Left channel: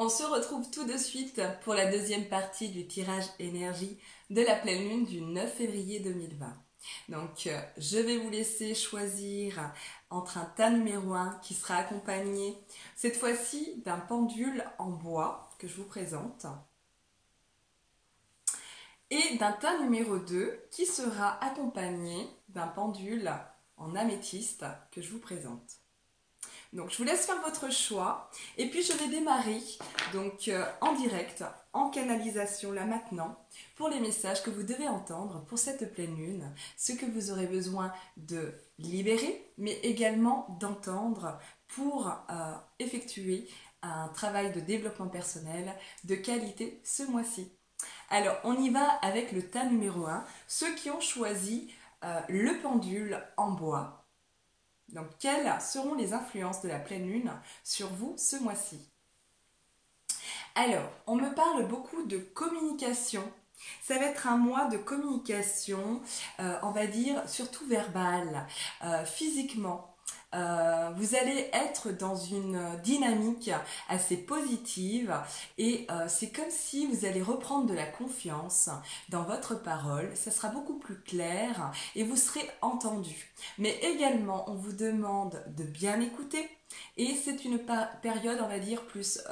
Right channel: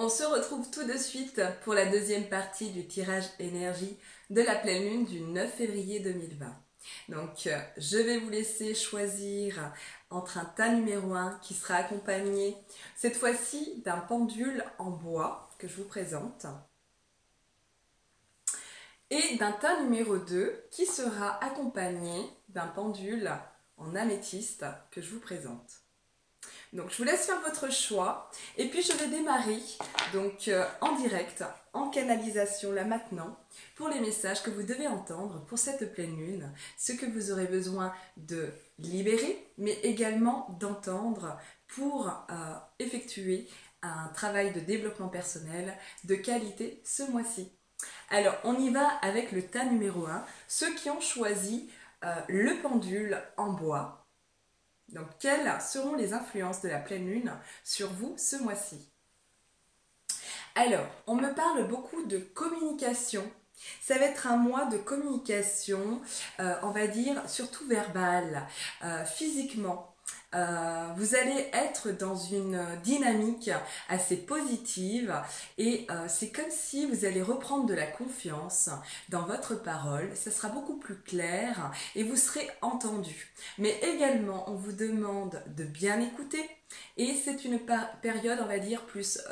On se retrouve tout de suite pour la deuxième partie du tirage énergie de la pleine lune du 9 février 2020. Donc, je vais vous laisser choisir entre un tas numéro 1 qui sera accompagné cette fois-ci d'un pendule en bois que je vous présente et d'un tas numéro 2 qui sera accompagné d'un pendule en améthyste que je vous présente. Donc je vous laisse faire votre choix et puis je vais démarrer donc en direct, en canalisation là maintenant pour les messages que vous devez entendre pour cette pleine lune, ce que vous aurez besoin de libérer mais également d'entendre pour effectuer un travail de développement personnel de qualité ce mois-ci. Alors on y va avec le tas numéro 1, ceux qui ont choisi le pendule en bois. Donc, quelles seront les influences de la pleine lune sur vous ce mois-ci? Alors, on me parle beaucoup de communication. Ça va être un mois de communication, on va dire, surtout verbale, physiquement. Vous allez être dans une dynamique assez positive et c'est comme si vous allez reprendre de la confiance dans votre parole, ça sera beaucoup plus clair et vous serez entendu. Mais également, on vous demande de bien écouter et c'est une période, on va dire, plus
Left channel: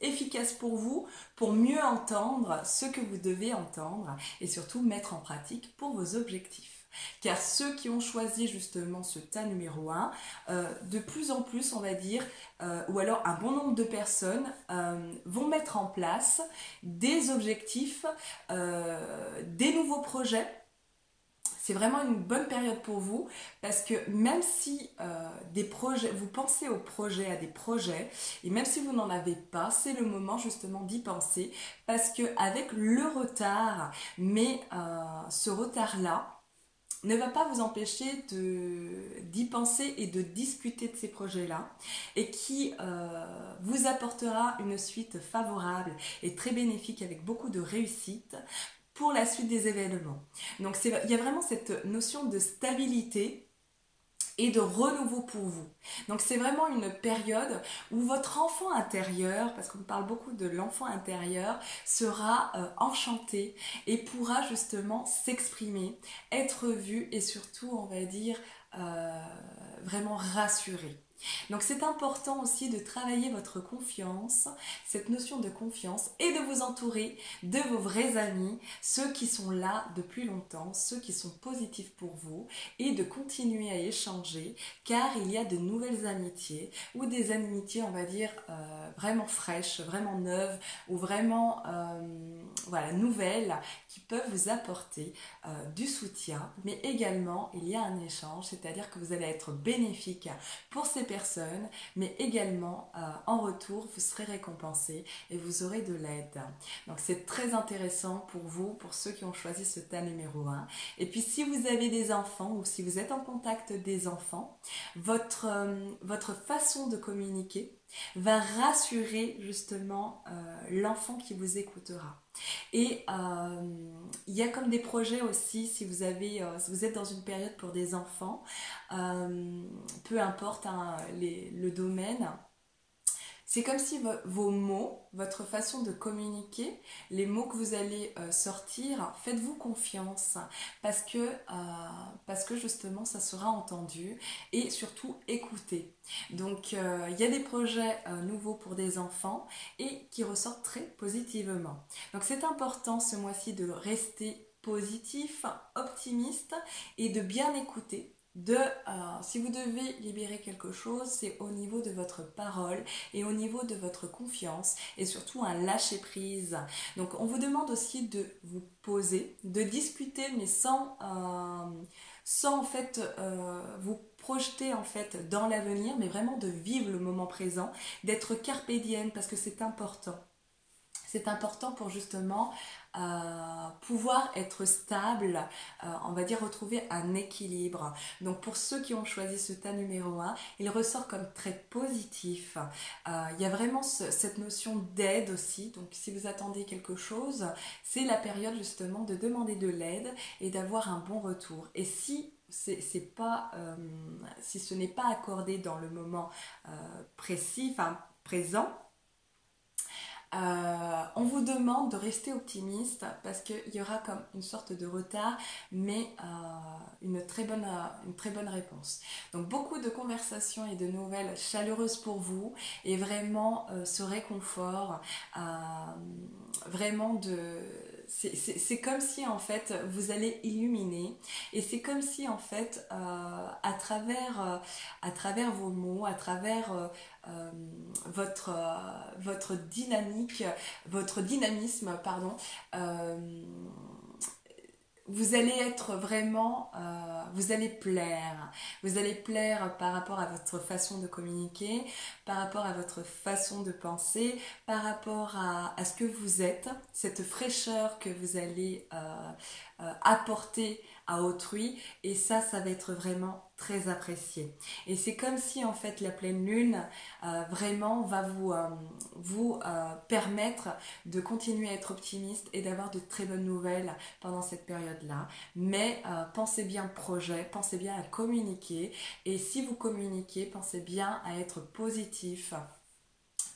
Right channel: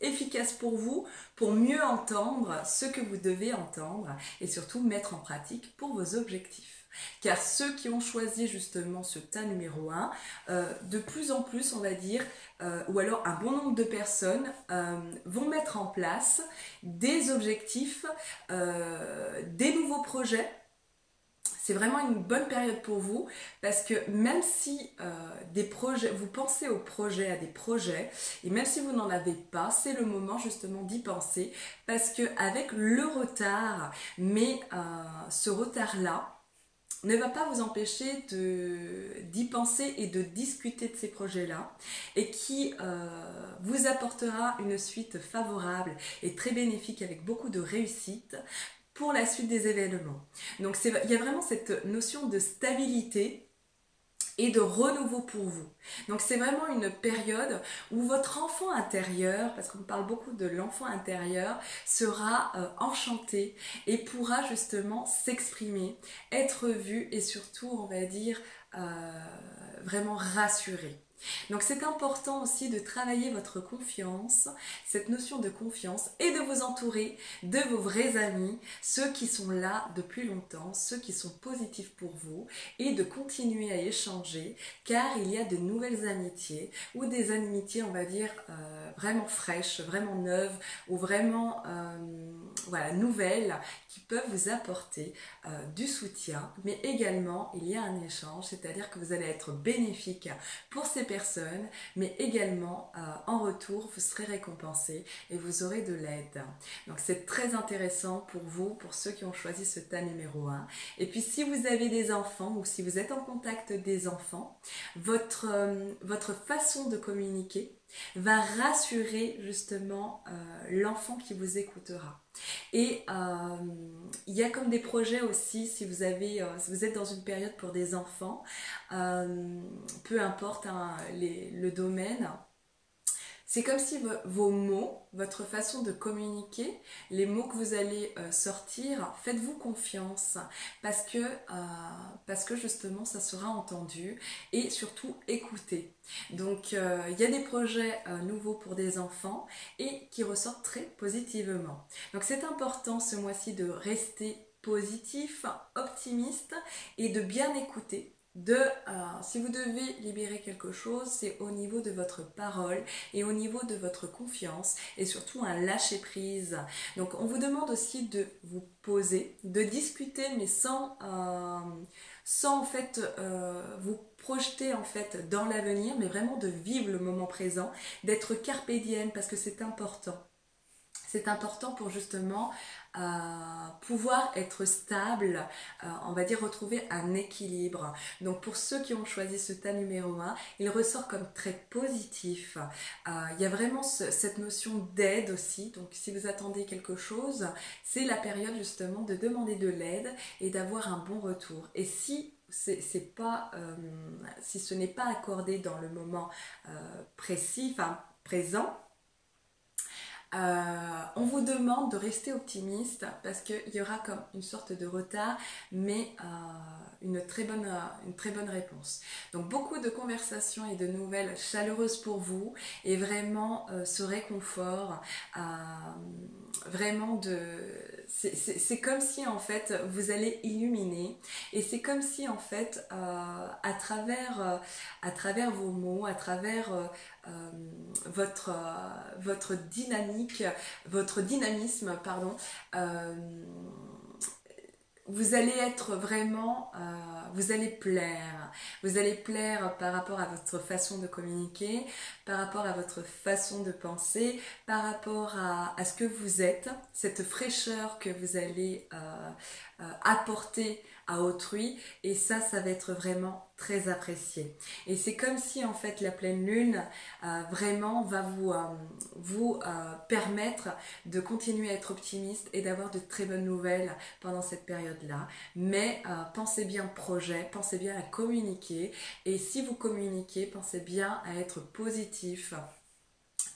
efficace pour vous, pour mieux entendre ce que vous devez entendre et surtout mettre en pratique pour vos objectifs. Car ceux qui ont choisi justement ce tas numéro 1, de plus en plus, on va dire, ou alors un bon nombre de personnes vont mettre en place des objectifs, des nouveaux projets. C'est vraiment une bonne période pour vous parce que même si des projets, vous pensez aux projets, à des projets, et même si vous n'en avez pas, c'est le moment justement d'y penser parce qu'avec le retard, mais ce retard-là, ne va pas vous empêcher d'y penser et de discuter de ces projets-là et qui vous apportera une suite favorable et très bénéfique avec beaucoup de réussite pour la suite des événements. Donc il y a vraiment cette notion de stabilité et de renouveau pour vous. Donc c'est vraiment une période où votre enfant intérieur, parce qu'on parle beaucoup de l'enfant intérieur, sera enchanté et pourra justement s'exprimer, être vu et surtout, on va dire, vraiment rassuré. Donc c'est important aussi de travailler votre confiance, cette notion de confiance et de vous entourer de vos vrais amis, ceux qui sont là depuis longtemps, ceux qui sont positifs pour vous et de continuer à échanger car il y a de nouvelles amitiés ou des amitiés on va dire vraiment fraîches, vraiment neuves ou vraiment voilà, nouvelles qui peuvent vous apporter du soutien mais également il y a un échange, c'est-à-dire que vous allez être bénéfique pour ces personnes, mais également en retour, vous serez récompensé et vous aurez de l'aide. Donc c'est très intéressant pour vous, pour ceux qui ont choisi ce tas numéro 1. Et puis si vous avez des enfants ou si vous êtes en contact des enfants, votre façon de communiquer va rassurer justement l'enfant qui vous écoutera. Et il y a comme des projets aussi, si vous êtes dans une période pour des enfants, peu importe le domaine, c'est comme si vos mots, votre façon de communiquer, les mots que vous allez sortir, faites-vous confiance parce que justement ça sera entendu et surtout écouté. Donc il y a des projets nouveaux pour des enfants et qui ressortent très positivement. Donc c'est important ce mois-ci de rester positif, optimiste et de bien écouter. Si vous devez libérer quelque chose, c'est au niveau de votre parole et au niveau de votre confiance et surtout un lâcher prise. Donc on vous demande aussi de vous poser, de discuter mais sans en fait vous projeter en fait dans l'avenir, mais vraiment de vivre le moment présent, d'être carpe diem parce que c'est important. C'est important pour justement pouvoir être stable, on va dire retrouver un équilibre. Donc pour ceux qui ont choisi ce tas numéro 1, il ressort comme très positif. Il y a vraiment cette notion d'aide aussi. Donc si vous attendez quelque chose, c'est la période justement de demander de l'aide et d'avoir un bon retour. Et si si ce n'est pas accordé dans le moment précis, enfin présent. On vous demande de rester optimiste parce qu'il y aura comme une sorte de retard, mais une très bonne réponse. Donc beaucoup de conversations et de nouvelles chaleureuses pour vous et vraiment ce réconfort, vraiment c'est comme si en fait vous allez illuminer et c'est comme si en fait à travers vos mots, à travers votre dynamisme, pardon, vous allez être vraiment, vous allez plaire par rapport à votre façon de communiquer, par rapport à votre façon de penser, par rapport à ce que vous êtes, cette fraîcheur que vous allez apporter à autrui, et ça va être vraiment très apprécié. Et c'est comme si en fait la pleine lune vraiment va vous permettre de continuer à être optimiste et d'avoir de très bonnes nouvelles pendant cette période-là. Mais pensez bien projet, pensez bien à communiquer, et si vous communiquez, pensez bien à être positif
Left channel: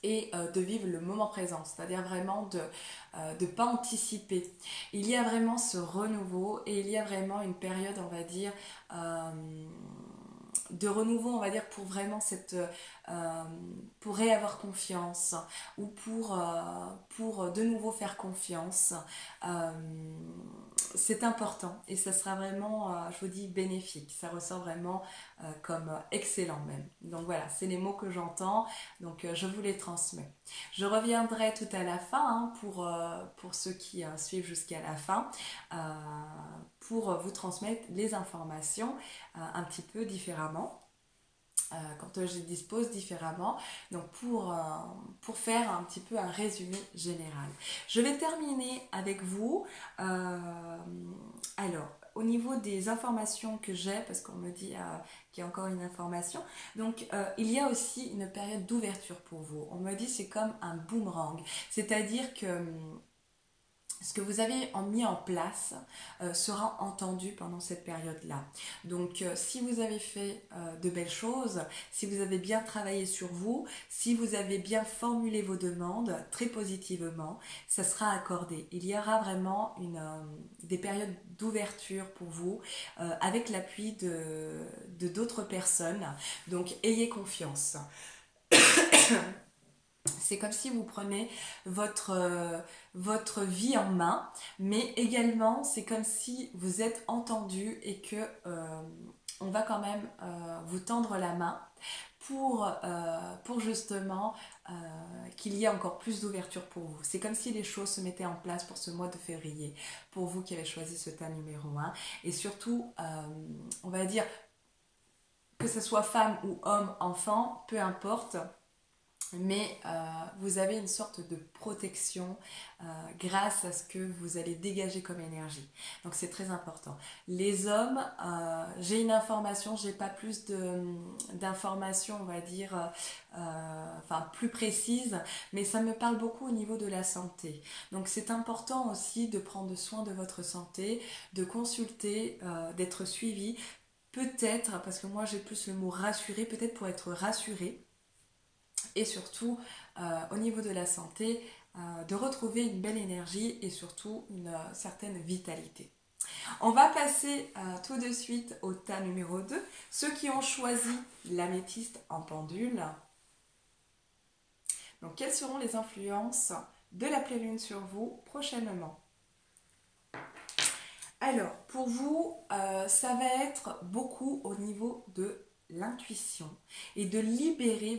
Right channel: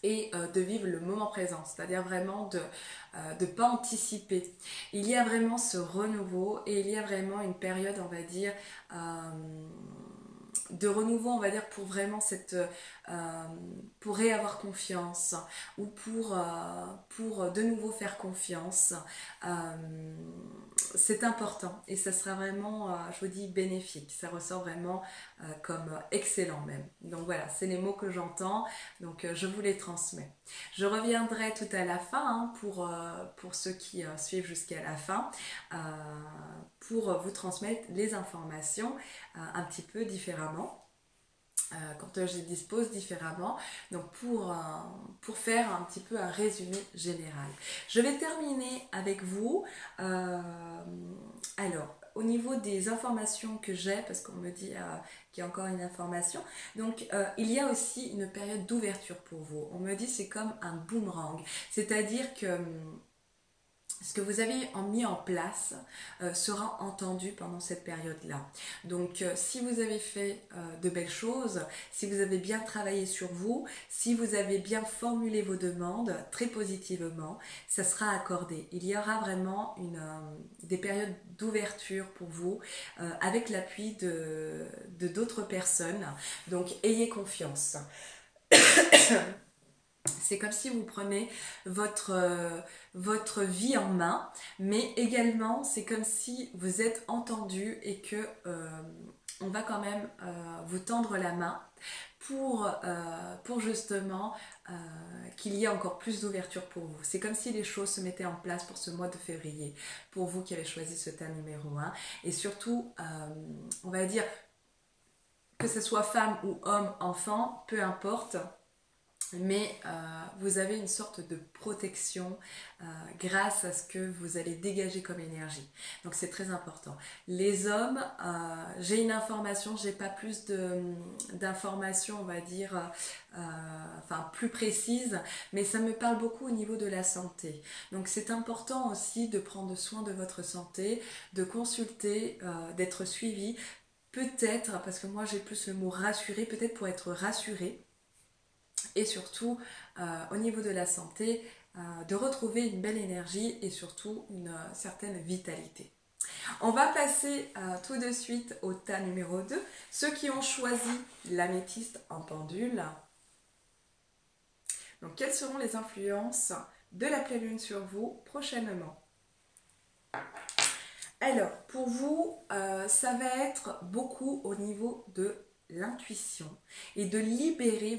et de vivre le moment présent, c'est-à-dire vraiment de ne pas anticiper. Il y a vraiment ce renouveau et il y a vraiment une période, on va dire, de renouveau, on va dire, pour vraiment pour réavoir confiance ou pour de nouveau faire confiance. C'est important et ça sera vraiment, je vous dis, bénéfique. Ça ressort vraiment comme excellent même. Donc voilà, c'est les mots que j'entends, donc je vous les transmets. Je reviendrai tout à la fin pour ceux qui suivent jusqu'à la fin, pour vous transmettre les informations un petit peu différemment. Quand je dispose différemment, donc pour faire un petit peu un résumé général. Je vais terminer avec vous. Alors, au niveau des informations que j'ai, parce qu'on me dit qu'il y a encore une information, donc il y a aussi une période d'ouverture pour vous. On me dit c'est comme un boomerang, c'est-à-dire que ce que vous avez mis en place sera entendu pendant cette période-là. Donc, si vous avez fait de belles choses, si vous avez bien travaillé sur vous, si vous avez bien formulé vos demandes très positivement, ça sera accordé. Il y aura vraiment des périodes d'ouverture pour vous avec l'appui de d'autres personnes. Donc, ayez confiance. C'est comme si vous prenez votre vie en main, mais également c'est comme si vous êtes entendu et que on va quand même vous tendre la main pour justement qu'il y ait encore plus d'ouverture pour vous. C'est comme si les choses se mettaient en place pour ce mois de février, pour vous qui avez choisi ce thème numéro 1, et surtout, on va dire, que ce soit femme ou homme, enfant, peu importe, mais vous avez une sorte de protection grâce à ce que vous allez dégager comme énergie. Donc c'est très important. Les hommes, j'ai une information, j'ai pas plus d'informations, on va dire, plus précises, mais ça me parle beaucoup au niveau de la santé. Donc c'est important aussi de prendre soin de votre santé, de consulter, d'être suivi, peut-être, parce que moi j'ai plus le mot rassurer, peut-être pour être rassuré. Et surtout, au niveau de la santé, de retrouver une belle énergie et surtout une certaine vitalité. On va passer tout de suite au tas numéro 2. Ceux qui ont choisi l'améthyste en pendule. Donc, quelles seront les influences de la pleine lune sur vous prochainement? Alors, pour vous, ça va être beaucoup au niveau de l'intuition et de libérer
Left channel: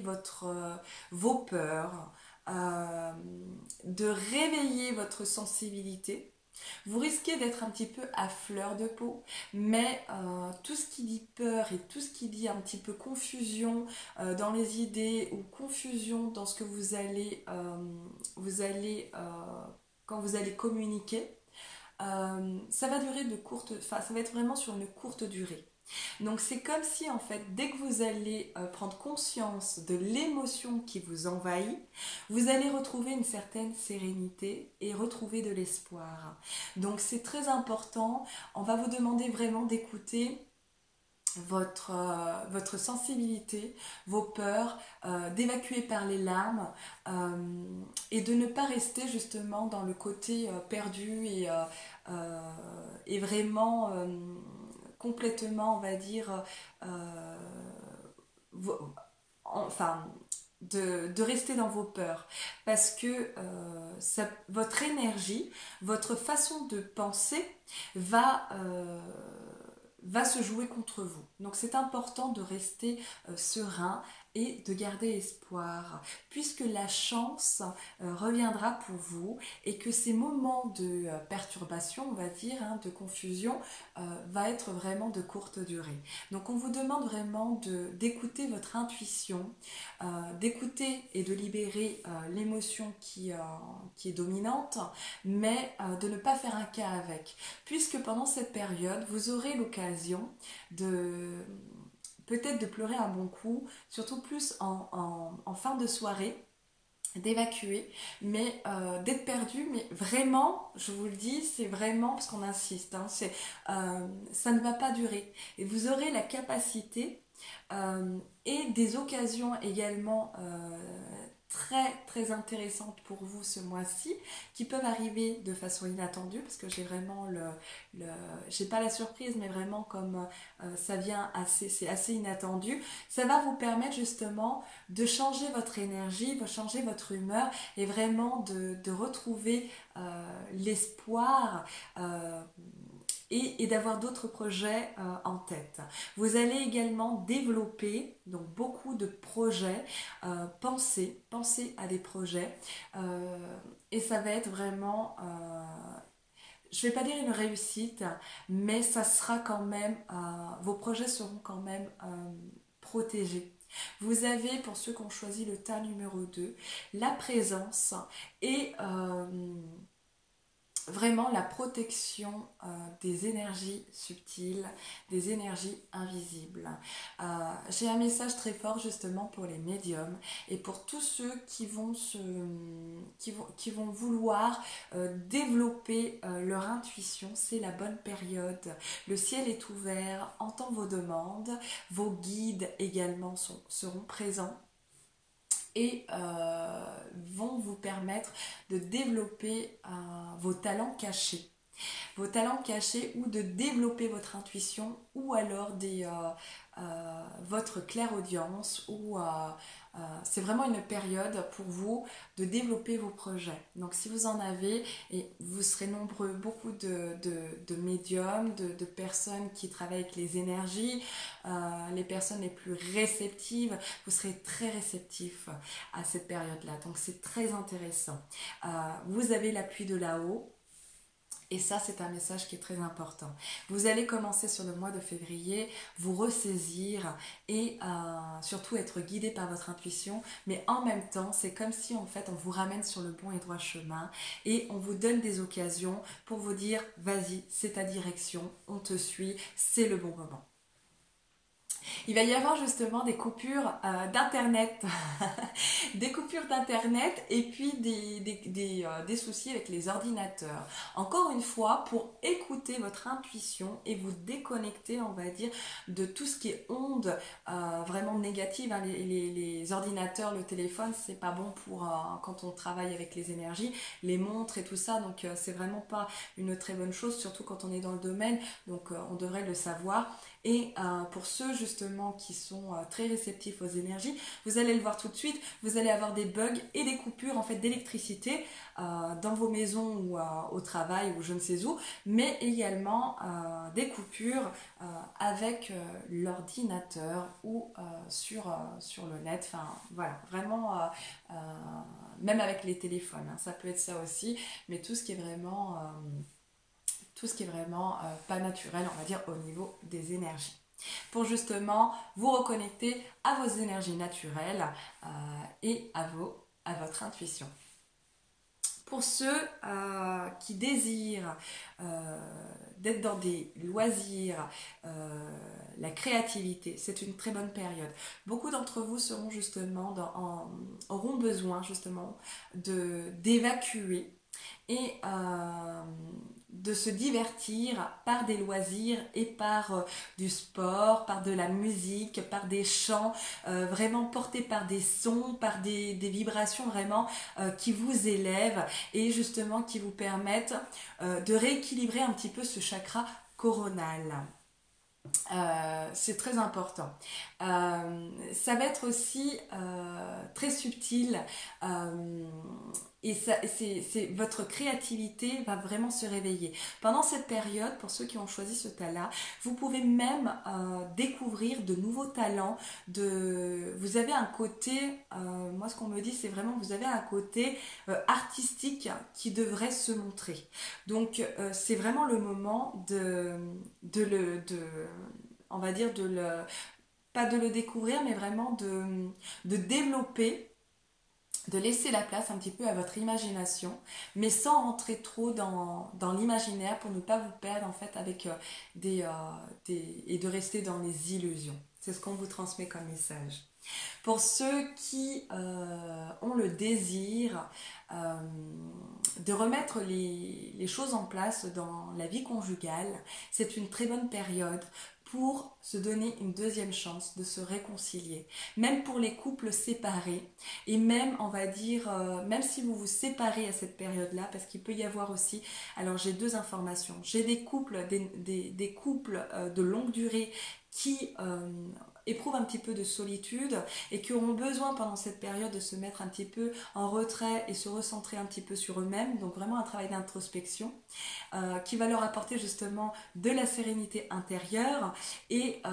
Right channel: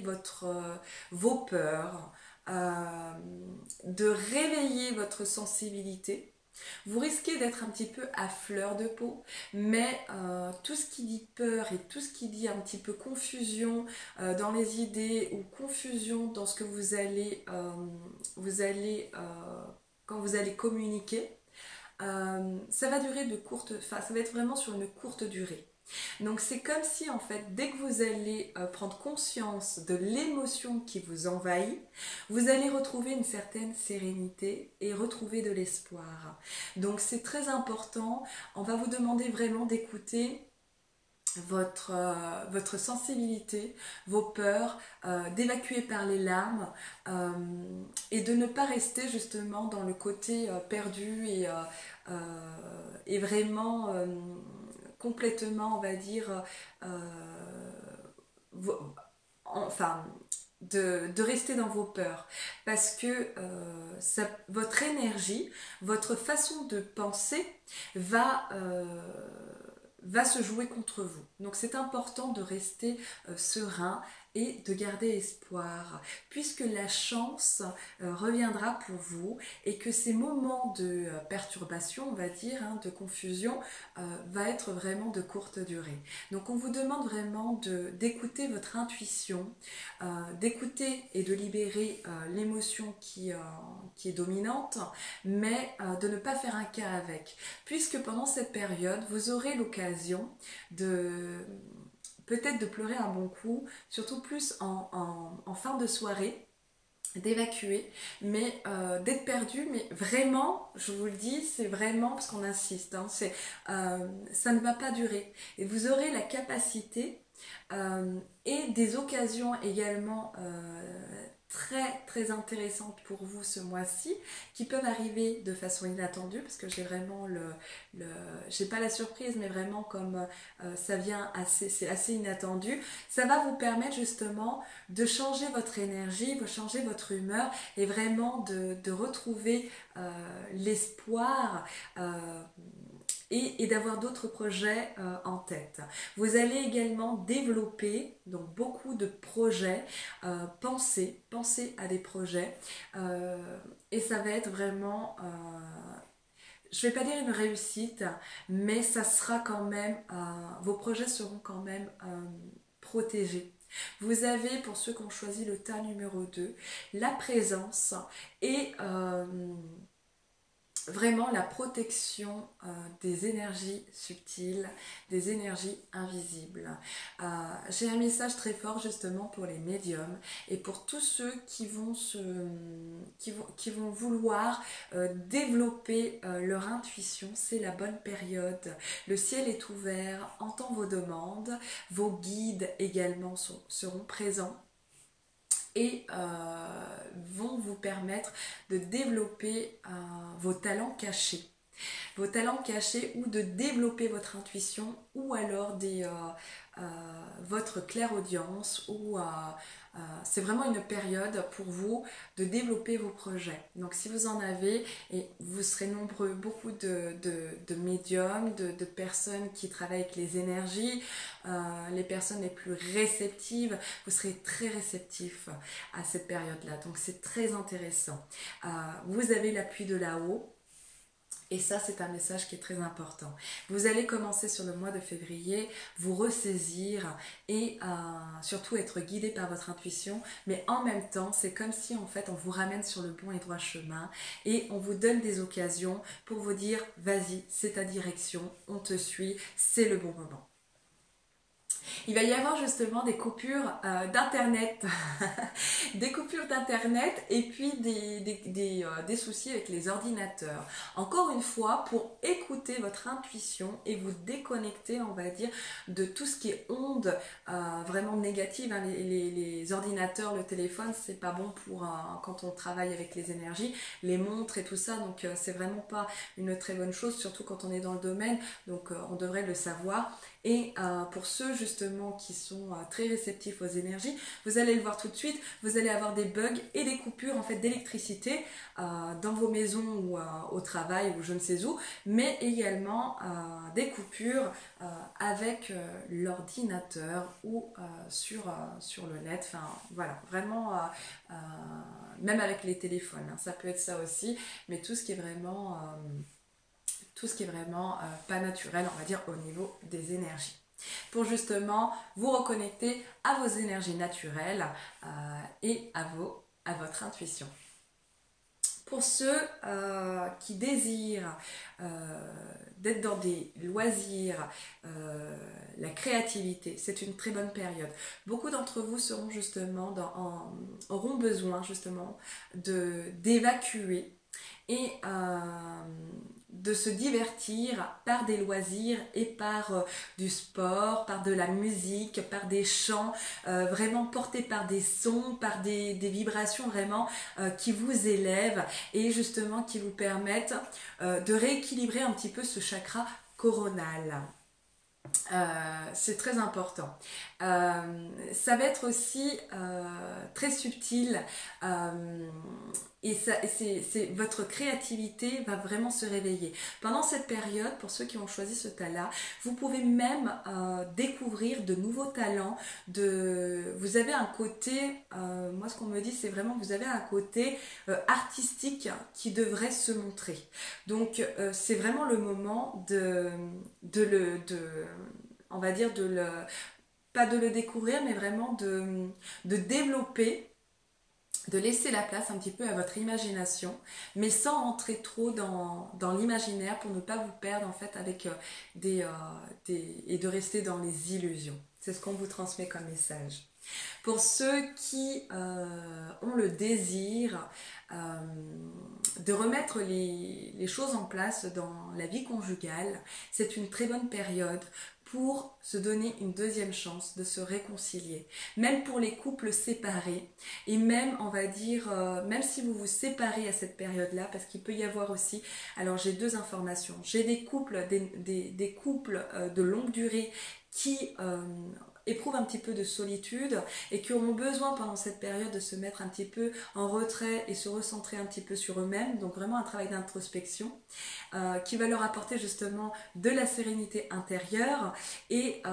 vos peurs, de réveiller votre sensibilité. Vous risquez d'être un petit peu à fleur de peau, mais tout ce qui dit peur et tout ce qui dit un petit peu confusion dans les idées ou confusion dans ce que vous allez quand vous allez communiquer, ça va durer ça va être vraiment sur une courte durée. Donc c'est comme si en fait dès que vous allez prendre conscience de l'émotion qui vous envahit, vous allez retrouver une certaine sérénité et retrouver de l'espoir. Donc c'est très important, on va vous demander vraiment d'écouter votre sensibilité, vos peurs, d'évacuer par les larmes et de ne pas rester justement dans le côté perdu et vraiment complètement, on va dire, enfin, de rester dans vos peurs parce que votre énergie, votre façon de penser va se jouer contre vous. Donc c'est important de rester serein et de garder espoir, puisque la chance reviendra pour vous et que ces moments de perturbation, on va dire, de confusion, va être vraiment de courte durée. Donc on vous demande vraiment d'écouter votre intuition, d'écouter et de libérer l'émotion qui est dominante, mais de ne pas faire un cas avec, puisque pendant cette période, vous aurez l'occasion peut-être de pleurer un bon coup, surtout plus en fin de soirée, d'évacuer, mais d'être perdu, mais vraiment, je vous le dis, c'est vraiment, parce qu'on insiste, ça ne va pas durer. Et vous aurez la capacité et des occasions également très très intéressantes pour vous ce mois-ci, qui peuvent arriver de façon inattendue, parce que j'ai vraiment j'ai pas la surprise, mais vraiment comme ça vient c'est assez inattendu. Ça va vous permettre justement de changer votre énergie, de changer votre humeur et vraiment de retrouver l'espoir et d'avoir d'autres projets en tête. Vous allez également développer donc beaucoup de projets, pensez à des projets et ça va être vraiment, je ne vais pas dire une réussite, mais ça sera quand même, vos projets seront quand même protégés. Vous avez, pour ceux qui ont choisi le tas numéro 2, la présence et vraiment la protection des énergies subtiles, des énergies invisibles. J'ai un message très fort justement pour les médiums et pour tous ceux qui vont vouloir développer leur intuition. C'est la bonne période. Le ciel est ouvert, entend vos demandes, vos guides également seront présents et vont vous permettre de développer vos talents cachés. Vos talents cachés ou de développer votre intuition ou alors votre clairaudience ou c'est vraiment une période pour vous de développer vos projets. Donc si vous en avez, et vous serez nombreux, beaucoup de médiums, de personnes qui travaillent avec les énergies, les personnes les plus réceptives, vous serez très réceptifs à cette période-là. Donc c'est très intéressant. Vous avez l'appui de là-haut. Et ça, c'est un message qui est très important. Vous allez commencer sur le mois de février, vous ressaisir et surtout être guidé par votre intuition. Mais en même temps, c'est comme si en fait on vous ramène sur le bon et droit chemin et on vous donne des occasions pour vous dire « Vas-y, c'est ta direction, on te suit, c'est le bon moment ». Il va y avoir justement des coupures d'internet, des coupures d'internet et puis des soucis avec les ordinateurs. Encore une fois, pour écouter votre intuition et vous déconnecter, on va dire, de tout ce qui est ondes vraiment négatives. Les ordinateurs, le téléphone, c'est pas bon pour quand on travaille avec les énergies, les montres et tout ça. Donc c'est vraiment pas une très bonne chose, surtout quand on est dans le domaine. Donc on devrait le savoir. Et pour ceux justement qui sont très réceptifs aux énergies, vous allez le voir tout de suite, vous allez avoir des bugs et des coupures en fait d'électricité dans vos maisons ou au travail ou je ne sais où, mais également des coupures avec l'ordinateur ou sur le net, enfin voilà, vraiment même avec les téléphones, hein, ça peut être ça aussi, mais tout ce qui est vraiment pas naturel, on va dire, au niveau des énergies. Pour justement vous reconnecter à vos énergies naturelles et à votre intuition. Pour ceux qui désirent d'être dans des loisirs, la créativité, c'est une très bonne période. Beaucoup d'entre vous seront justement auront besoin justement d'évacuer et de se divertir par des loisirs et par du sport, par de la musique, par des chants, vraiment portés par des sons, par des vibrations vraiment qui vous élèvent et justement qui vous permettent de rééquilibrer un petit peu ce chakra coronal. C'est très important. Ça va être aussi très subtil et votre créativité va vraiment se réveiller. Pendant cette période, pour ceux qui ont choisi ce tas-là, vous pouvez même découvrir de nouveaux talents. Vous avez un côté, moi ce qu'on me dit, c'est vraiment vous avez un côté artistique qui devrait se montrer. Donc c'est vraiment le moment on va dire pas de le découvrir, mais vraiment de développer, de laisser la place un petit peu à votre imagination, mais sans entrer trop dans l'imaginaire pour ne pas vous perdre en fait avec et de rester dans les illusions. C'est ce qu'on vous transmet comme message. Pour ceux qui ont le désir de remettre les choses en place dans la vie conjugale, c'est une très bonne période pour se donner une deuxième chance de se réconcilier. Même pour les couples séparés, et même, on va dire, même si vous vous séparez à cette période-là, parce qu'il peut y avoir aussi, alors j'ai deux informations, j'ai des couples, des couples de longue durée qui éprouvent un petit peu de solitude et qui auront besoin pendant cette période de se mettre un petit peu en retrait et se recentrer un petit peu sur eux-mêmes, donc vraiment un travail d'introspection qui va leur apporter justement de la sérénité intérieure et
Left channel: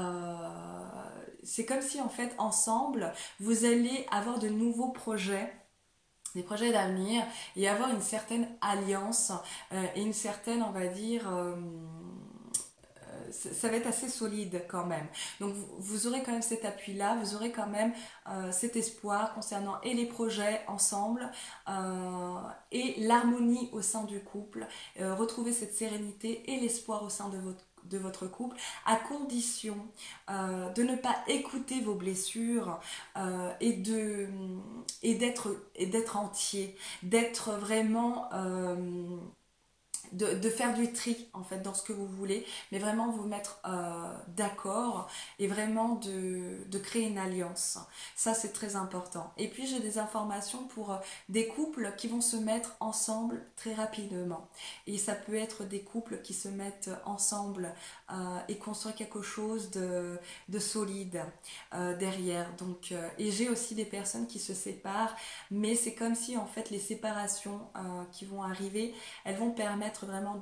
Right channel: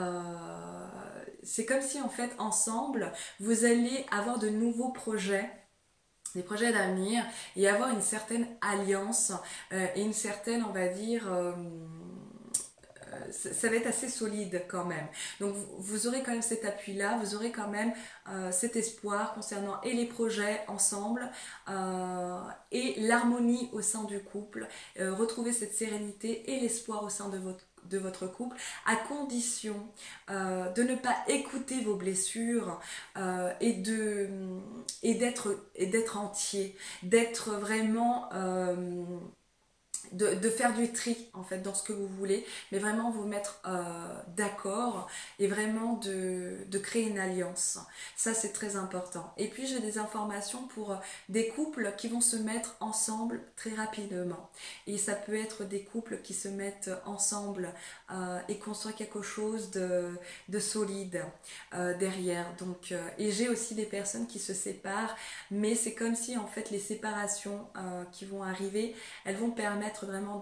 c'est comme si en fait ensemble vous allez avoir de nouveaux projets, des projets d'avenir et avoir une certaine alliance et une certaine, on va dire, ça va être assez solide quand même. Donc vous aurez quand même cet appui-là, vous aurez quand même cet espoir concernant et les projets ensemble et l'harmonie au sein du couple, retrouver cette sérénité et l'espoir au sein de votre couple, à condition de ne pas écouter vos blessures et d'être entier, d'être vraiment de faire du tri en fait dans ce que vous voulez, mais vraiment vous mettre d'accord et vraiment de créer une alliance. Ça c'est très important. Et puis j'ai des informations pour des couples qui vont se mettre ensemble très rapidement. Et ça peut être des couples qui se mettent ensemble et construire quelque chose de solide derrière. Donc, et j'ai aussi des personnes qui se séparent, mais c'est comme si en fait les séparations qui vont arriver, elles vont permettre vraiment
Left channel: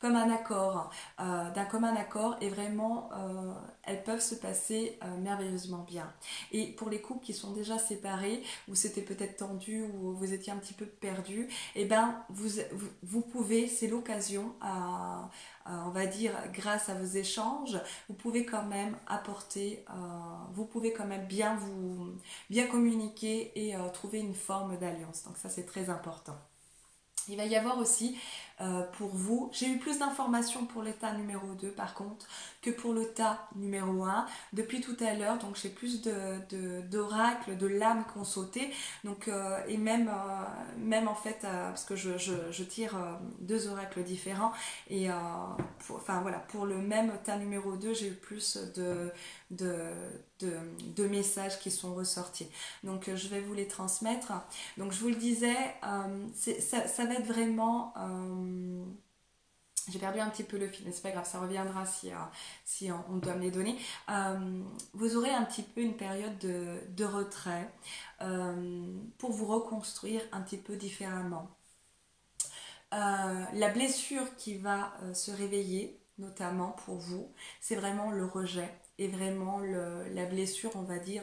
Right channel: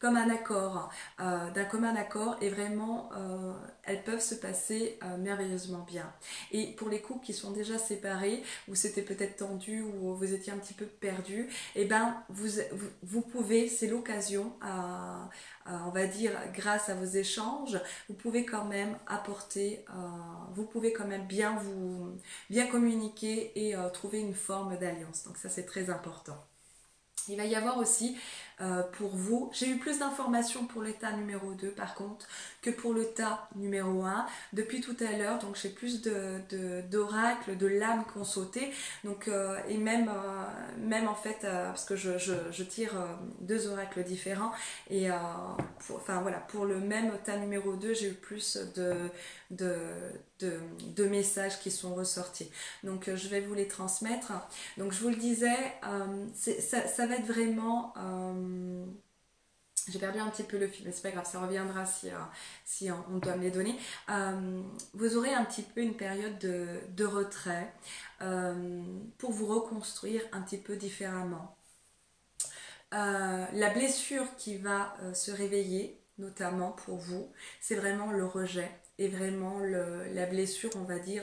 comme un accord, d'un commun accord et vraiment elles peuvent se passer merveilleusement bien. Et pour les couples qui sont déjà séparés, où c'était peut-être tendu, où vous étiez un petit peu perdu, et ben vous pouvez, c'est l'occasion on va dire grâce à vos échanges, vous pouvez quand même apporter, vous pouvez quand même bien communiquer et trouver une forme d'alliance. Donc ça c'est très important. Il va y avoir aussi pour vous, j'ai eu plus d'informations pour l'état numéro 2 par contre que pour le tas numéro 1 depuis tout à l'heure, donc j'ai plus d'oracles, de lames qui ont sauté, donc, et même en fait parce que je tire deux oracles différents et enfin voilà, pour le même tas numéro 2 j'ai eu plus de messages qui sont ressortis, donc je vais vous les transmettre. Donc je vous le disais, ça va être vraiment j'ai perdu un petit peu le fil, mais c'est pas grave, ça reviendra si on doit me les donner. Vous aurez un petit peu une période de retrait pour vous reconstruire un petit peu différemment. La blessure qui va se réveiller, notamment pour vous, c'est vraiment le rejet et vraiment la blessure, on va dire,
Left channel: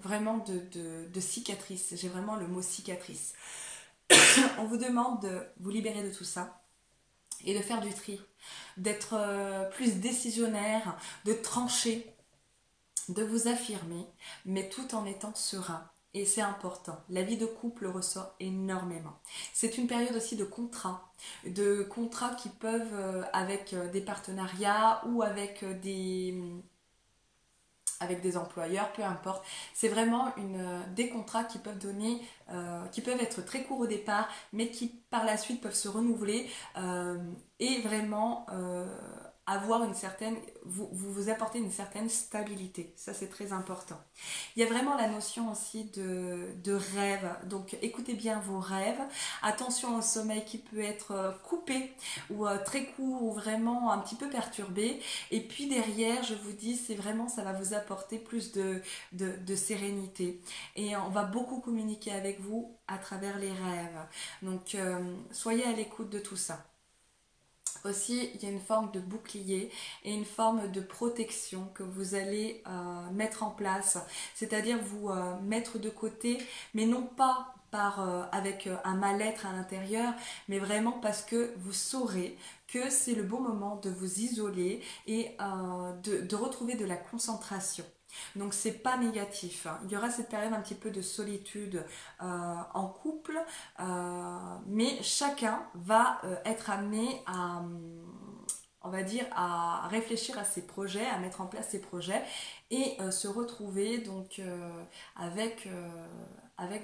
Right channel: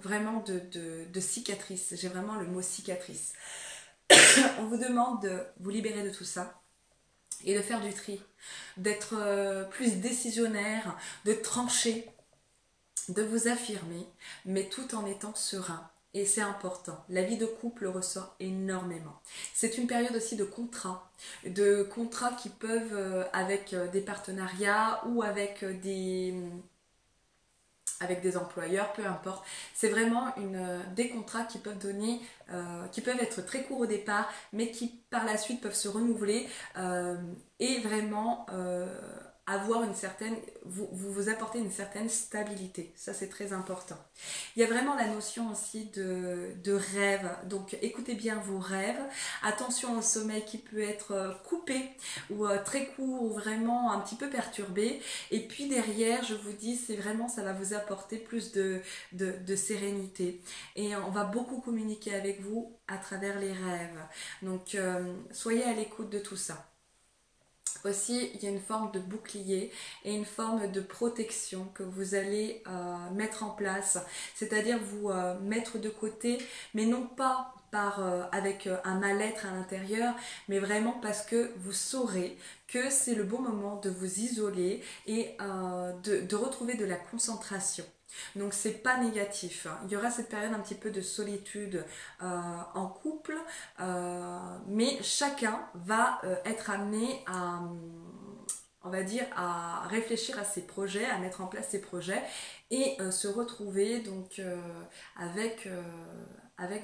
vraiment de cicatrice. J'ai vraiment le mot cicatrice. On vous demande de vous libérer de tout ça et de faire du tri, d'être plus décisionnaire, de trancher, de vous affirmer, mais tout en étant serein. Et c'est important. La vie de couple ressort énormément. C'est une période aussi de contrats qui peuvent avec des partenariats ou avec avec des employeurs, peu importe. C'est vraiment des contrats qui peuvent donner, qui peuvent être très courts au départ, mais qui par la suite peuvent se renouveler et vraiment avoir une certaine, vous apporter une certaine stabilité. Ça, c'est très important. Il y a vraiment la notion aussi de rêve. Donc, écoutez bien vos rêves. Attention au sommeil qui peut être coupé ou très court ou vraiment un petit peu perturbé. Et puis derrière, je vous dis, c'est vraiment, ça va vous apporter plus de sérénité. Et on va beaucoup communiquer avec vous à travers les rêves. Donc, soyez à l'écoute de tout ça. Aussi, il y a une forme de bouclier et une forme de protection que vous allez mettre en place, c'est-à-dire vous mettre de côté, mais non pas avec un mal-être à l'intérieur, mais vraiment parce que vous saurez que c'est le bon moment de vous isoler et de retrouver de la concentration. Donc c'est pas négatif, hein. Il y aura cette période un petit peu de solitude en couple, mais chacun va être amené à, on va dire, à réfléchir à ses projets, à mettre en place ses projets et se retrouver donc avec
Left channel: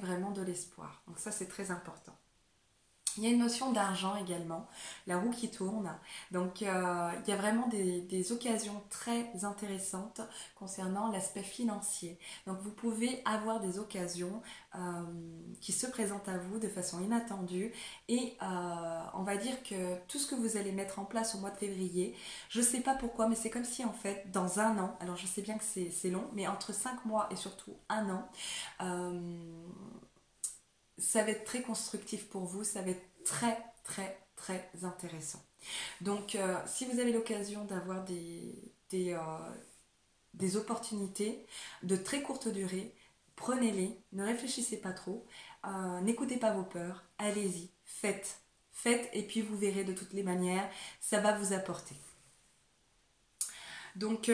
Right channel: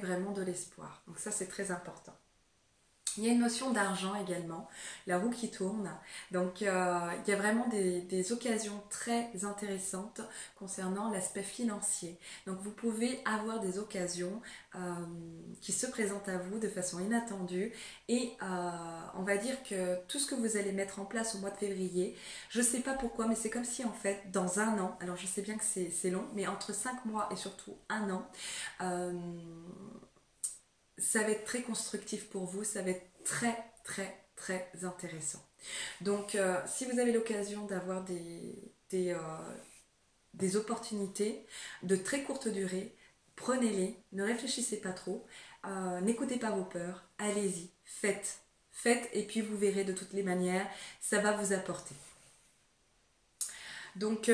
vraiment de l'espoir. Donc ça c'est très important. Il y a une notion d'argent également, la roue qui tourne. Donc il y a vraiment des occasions très intéressantes concernant l'aspect financier. Donc vous pouvez avoir des occasions qui se présentent à vous de façon inattendue et on va dire que tout ce que vous allez mettre en place au mois de février, je ne sais pas pourquoi, mais c'est comme si en fait dans un an, alors je sais bien que c'est long, mais entre 5 mois et surtout un an, ça va être très constructif pour vous, ça va être très très très intéressant. Donc si vous avez l'occasion d'avoir des opportunités de très courte durée, prenez-les, ne réfléchissez pas trop, n'écoutez pas vos peurs, allez-y, faites et puis vous verrez de toutes les manières, ça va vous apporter. Donc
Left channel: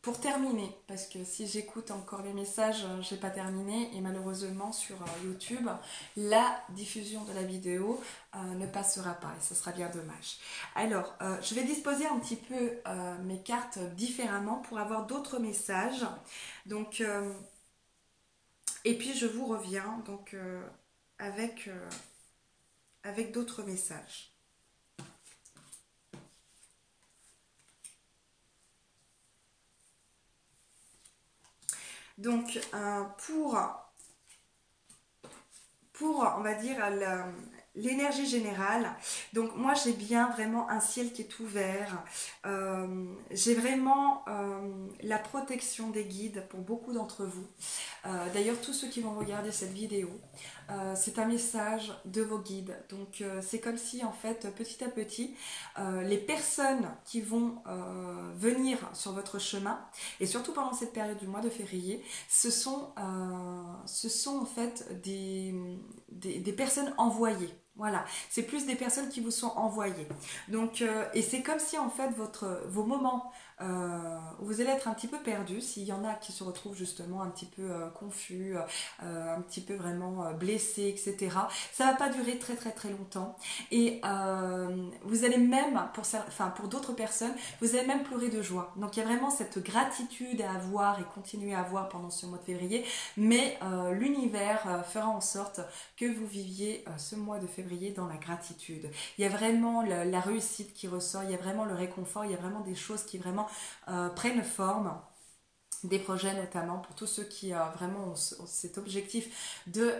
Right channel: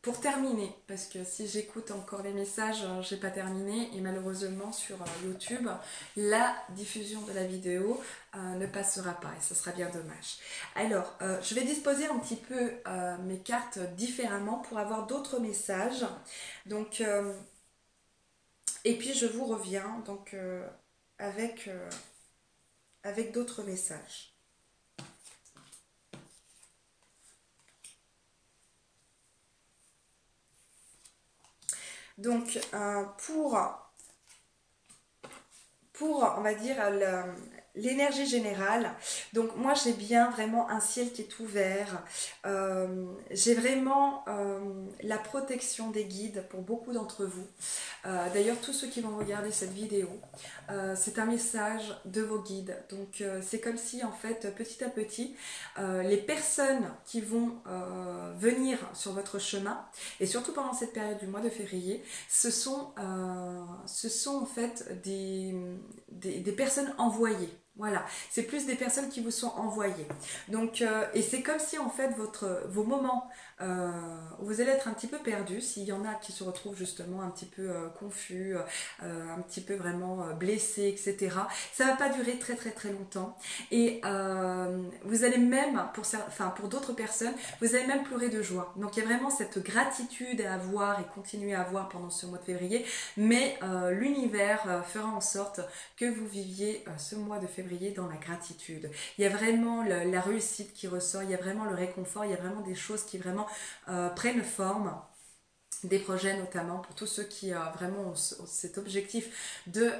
pour terminer, parce que si j'écoute encore les messages, j'ai pas terminé et malheureusement sur YouTube, la diffusion de la vidéo ne passera pas et ça sera bien dommage. Alors, je vais disposer un petit peu mes cartes différemment pour avoir d'autres messages. Donc, et puis je vous reviens donc avec d'autres messages. Donc, pour on va dire, l'énergie générale, donc moi j'ai bien vraiment un ciel qui est ouvert, j'ai vraiment la protection des guides pour beaucoup d'entre vous. D'ailleurs, tous ceux qui vont regarder cette vidéo, c'est un message de vos guides. Donc c'est comme si en fait petit à petit les personnes qui vont venir sur votre chemin et surtout pendant cette période du mois de février, ce sont en fait des personnes envoyées. Voilà, c'est plus des personnes qui vous sont envoyées. Donc, et c'est comme si en fait vos moments où vous allez être un petit peu perdu, s'il y en a qui se retrouvent justement un petit peu confus, un petit peu vraiment blessés, etc. Ça va pas durer très très très longtemps. Et vous allez même, pour d'autres personnes, vous allez même pleurer de joie. Donc il y a vraiment cette gratitude à avoir et continuer à avoir pendant ce mois de février. Mais l'univers fera en sorte que vous viviez ce mois de février dans la gratitude. Il y a vraiment la réussite qui ressort, il y a vraiment le réconfort, il y a vraiment des choses qui vraiment prennent forme, des projets notamment pour tous ceux qui vraiment ont cet objectif de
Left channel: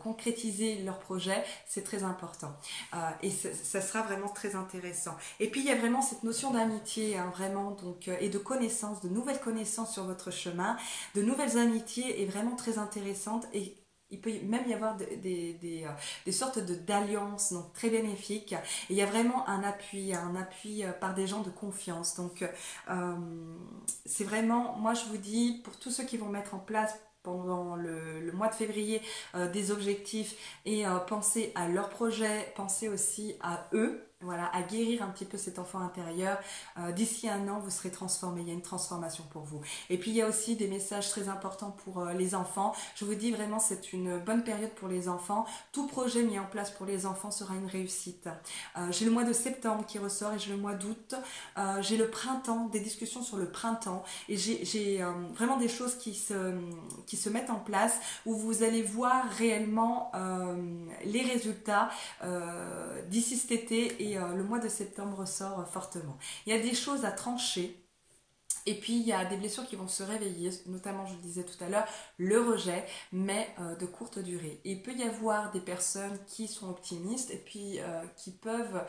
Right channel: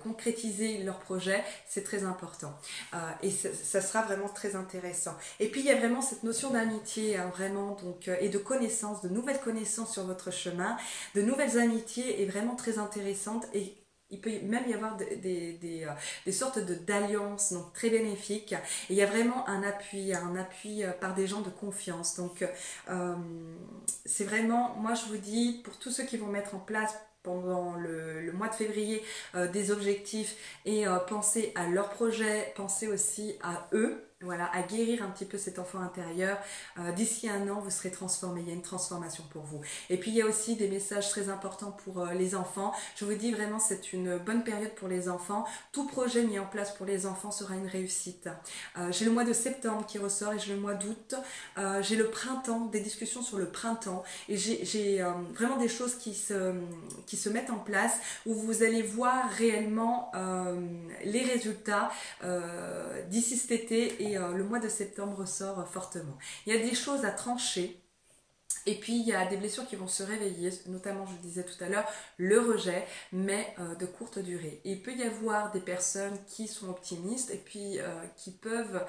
concrétiser leur projet, c'est très important et ça sera vraiment très intéressant. Et puis il y a vraiment cette notion d'amitié, hein, vraiment, donc, et de connaissances, de nouvelles connaissances sur votre chemin, de nouvelles amitiés est vraiment très intéressante et il peut même y avoir des sortes d'alliances donc très bénéfiques. Et il y a vraiment un appui par des gens de confiance. Donc, c'est vraiment, moi je vous dis, pour tous ceux qui vont mettre en place pendant le mois de février des objectifs et penser à leur projet, penser aussi à eux, voilà, à guérir un petit peu cet enfant intérieur. D'ici un an, vous serez transformé. Il y a une transformation pour vous. Et puis, il y a aussi des messages très importants pour les enfants. Je vous dis vraiment, c'est une bonne période pour les enfants. Tout projet mis en place pour les enfants sera une réussite. J'ai le mois de septembre qui ressort et j'ai le mois d'août. J'ai le printemps, des discussions sur le printemps. Et j'ai vraiment des choses qui se mettent en place où vous allez voir réellement les résultats d'ici cet été, et le mois de septembre ressort fortement. Il y a des choses à trancher. Et puis, il y a des blessures qui vont se réveiller, notamment, je le disais tout à l'heure, le rejet, mais de courte durée. Et il peut y avoir des personnes qui sont optimistes et puis qui peuvent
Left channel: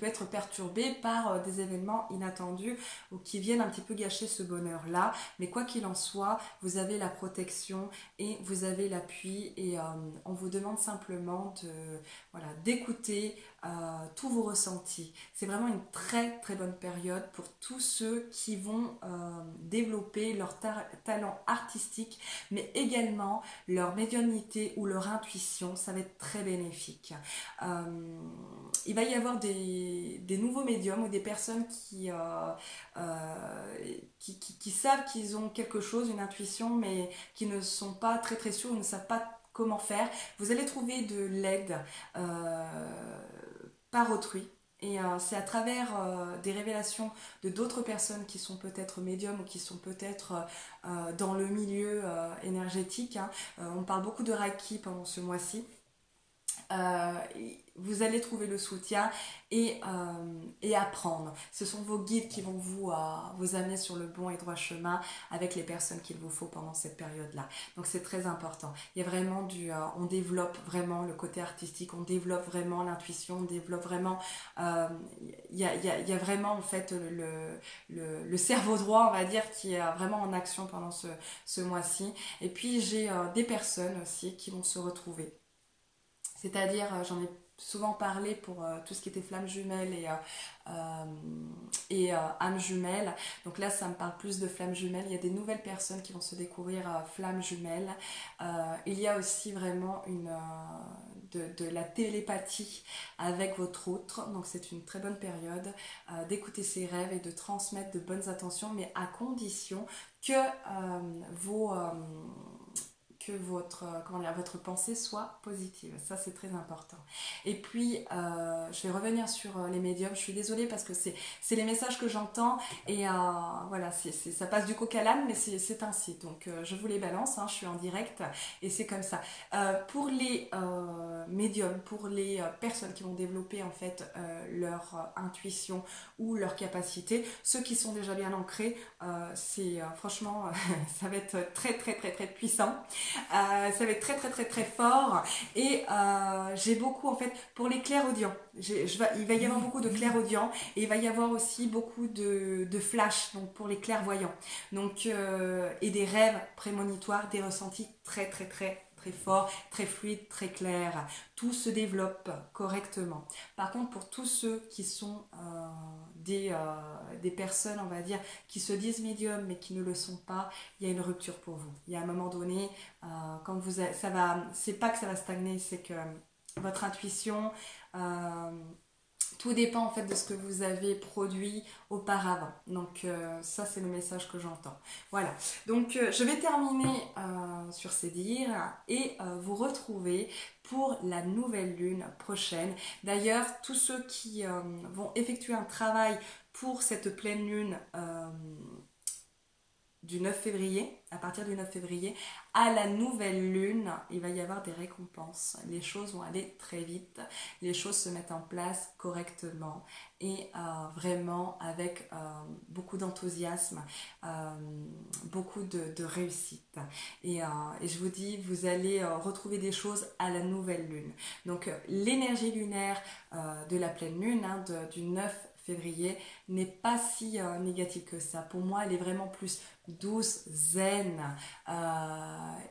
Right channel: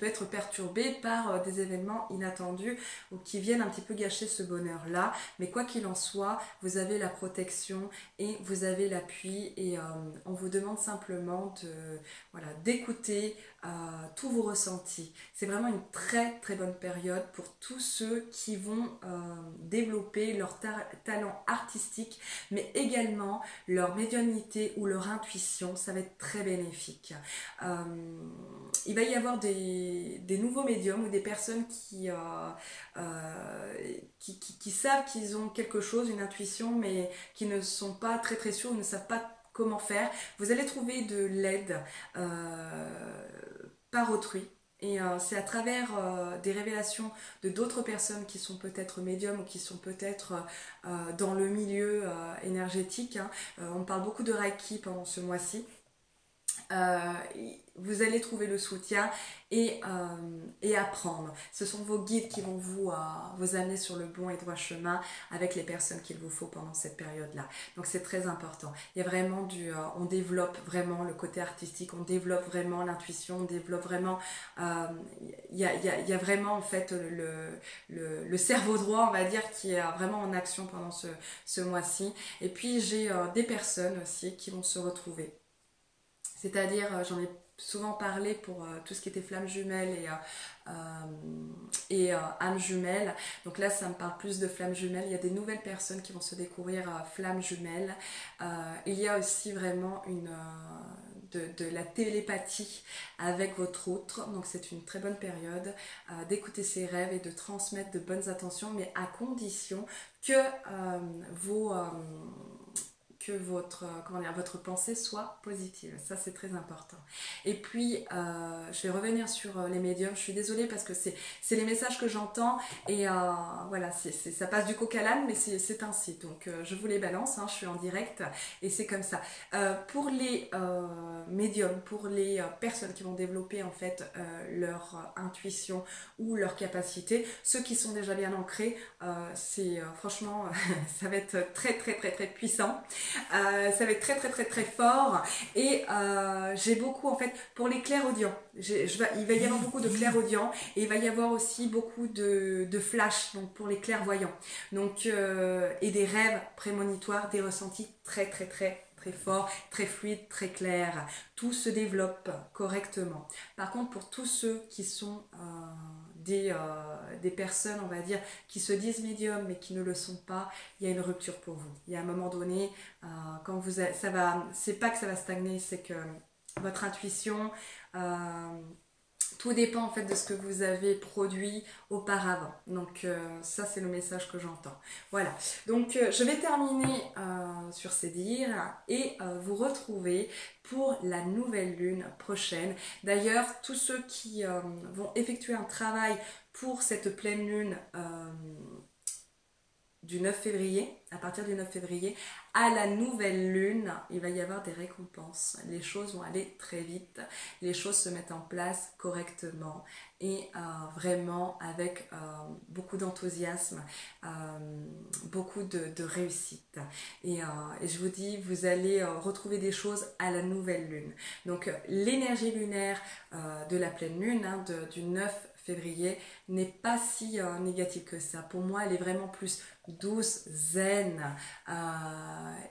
être perturbées par des événements inattendus ou qui viennent un petit peu gâcher ce bonheur-là. Mais quoi qu'il en soit, vous avez la protection et vous avez l'appui, et on vous demande simplement d'écouter tous vos ressentis. C'est vraiment une très très bonne période pour tous ceux qui vont développer leur talent artistique, mais également leur médiumnité ou leur intuition. Ça va être très bénéfique. Il va y avoir des nouveaux médiums ou des personnes qui savent qu'ils ont quelque chose, une intuition, mais qui ne sont pas très très sûrs, ou ne savent pas comment faire. Vous allez trouver de l'aide par autrui. Et c'est à travers des révélations de d'autres personnes qui sont peut-être médiums ou qui sont peut-être dans le milieu énergétique. On parle beaucoup de Reiki pendant ce mois-ci. Vous allez trouver le soutien et apprendre. Ce sont vos guides qui vont vous amener sur le bon et droit chemin avec les personnes qu'il vous faut pendant cette période-là. Donc c'est très important. Il y a vraiment on développe vraiment le côté artistique, on développe vraiment l'intuition, on développe vraiment, il y a vraiment en fait le cerveau droit, on va dire, qui est vraiment en action pendant ce mois-ci. Et puis j'ai des personnes aussi qui vont se retrouver. C'est-à-dire, j'en ai souvent parlé pour tout ce qui était flamme jumelle et âme jumelle. Donc là, ça me parle plus de flamme jumelle. Il y a des nouvelles personnes qui vont se découvrir flamme jumelle. Il y a aussi vraiment de la télépathie avec votre autre. Donc c'est une très bonne période d'écouter ses rêves et de transmettre de bonnes intentions, mais à condition que votre pensée soit positive. Ça, c'est très important. Et puis, je vais revenir sur les médiums. Je suis désolée parce que c'est les messages que j'entends, et voilà, ça passe du coq à l'âne, mais c'est ainsi. Donc, je vous les balance, je suis en direct et c'est comme ça. Pour les médiums, pour les personnes qui vont développer en fait leur intuition ou leur capacité, ceux qui sont déjà bien ancrés, franchement, ça va être très très très très puissant. Ça va être très très très très fort, et j'ai beaucoup en fait pour les clairaudients. Il va y avoir beaucoup de clairaudients, et il va y avoir aussi beaucoup de flash, donc pour les clairvoyants, donc et des rêves prémonitoires, des ressentis très très très très fort, très fluide, très clair. Tout se développe correctement. Par contre, pour tous ceux qui sont des personnes, on va dire, qui se disent médiums mais qui ne le sont pas, il y a une rupture pour vous. Il y a un moment donné, quand c'est pas que ça va stagner, c'est que votre intuition, tout dépend en fait de ce que vous avez produit auparavant. Donc ça, c'est le message que j'entends. Voilà, donc je vais terminer sur ces dires et vous retrouver pour la nouvelle lune prochaine. D'ailleurs, tous ceux qui vont effectuer un travail pour cette pleine lune du 9 février, à partir du 9 février, à la nouvelle lune, il va y avoir des récompenses. Les choses vont aller très vite, les choses se mettent en place correctement et vraiment avec beaucoup d'enthousiasme, beaucoup de réussite. Et je vous dis, vous allez retrouver des choses à la nouvelle lune. Donc l'énergie lunaire de la pleine lune, du 9 février, n'est pas si négative que ça. Pour moi, elle est vraiment plus douce, zen,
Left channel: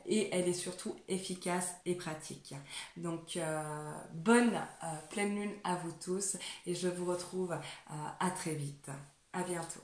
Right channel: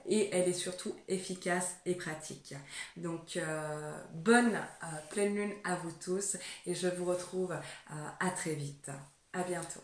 et elle est surtout efficace et pratique. Donc bonne pleine lune à vous tous, et je vous retrouve à très vite. À bientôt.